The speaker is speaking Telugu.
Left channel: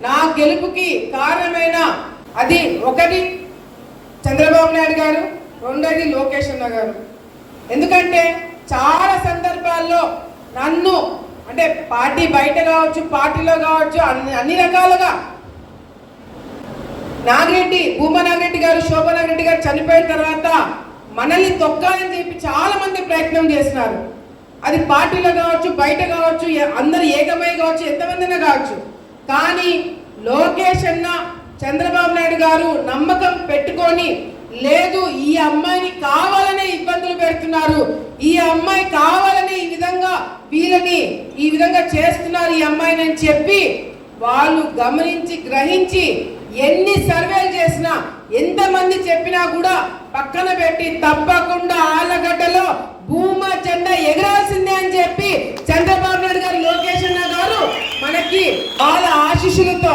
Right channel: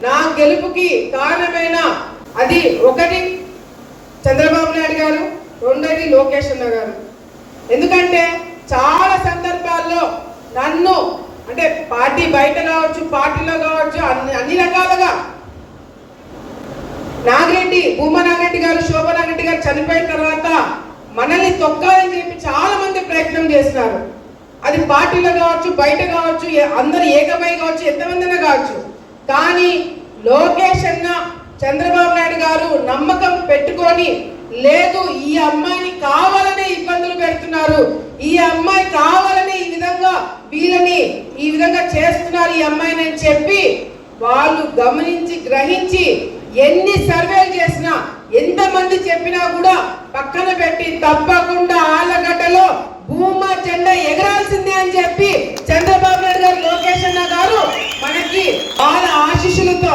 నా గెలుపుకి కారణమైన అది ఒకటి చంద్రబాబు నాయుడు గారు రెండోది లోకేష్ అన్న గారు. ఎందుకంటే చాలా సందర్భాల్లో నన్ను అంటే పార్టీ బయట కావచ్చు పార్టీలో కావచ్చు అన్ని అన్ని రకాలుగా నాగిరెడ్డి భూమ నాగిరెడ్డి గారు శోభనాగిరెడ్డి గారు చనిపోయిన తర్వాత మనల్ని తొక్కాలని చెప్పి చాలా మంది ప్రయత్నం చేస్తున్నారు అది పార్టీలో కావచ్చు బయట కావచ్చు అందరు ఏకమై కావచ్చు ఎంతమందినా కావచ్చు. చంద్రబాబు నాయుడు గారు నమ్మకం పెట్టుకొని లేదు ఈ అమ్మాయిని కావాలనే ఇబ్బందులు పెడుతున్నారు. ఈ అమ్మాయి కావాలని ఈ విధంగా వీళ్ళని ఈ విధంగా చేస్తున్నారు ఈ అమ్మాయిని అని చెప్పి వాళ్ళు గమనించి గ్రహించి ఎన్ని సర్వేలు చేసినా ఎంతమంది చెప్పినా కూడా పక్కన పెట్టి తప్పకుండా ఆలగడ్డలో భూమా చెండ ఎగరాల్సిందే అని చెప్పి చంద్రబాబు నాయుడు గారు లోకేష్ అన్న గారు మనకి వాళ్ళ ఆశీస్సులతో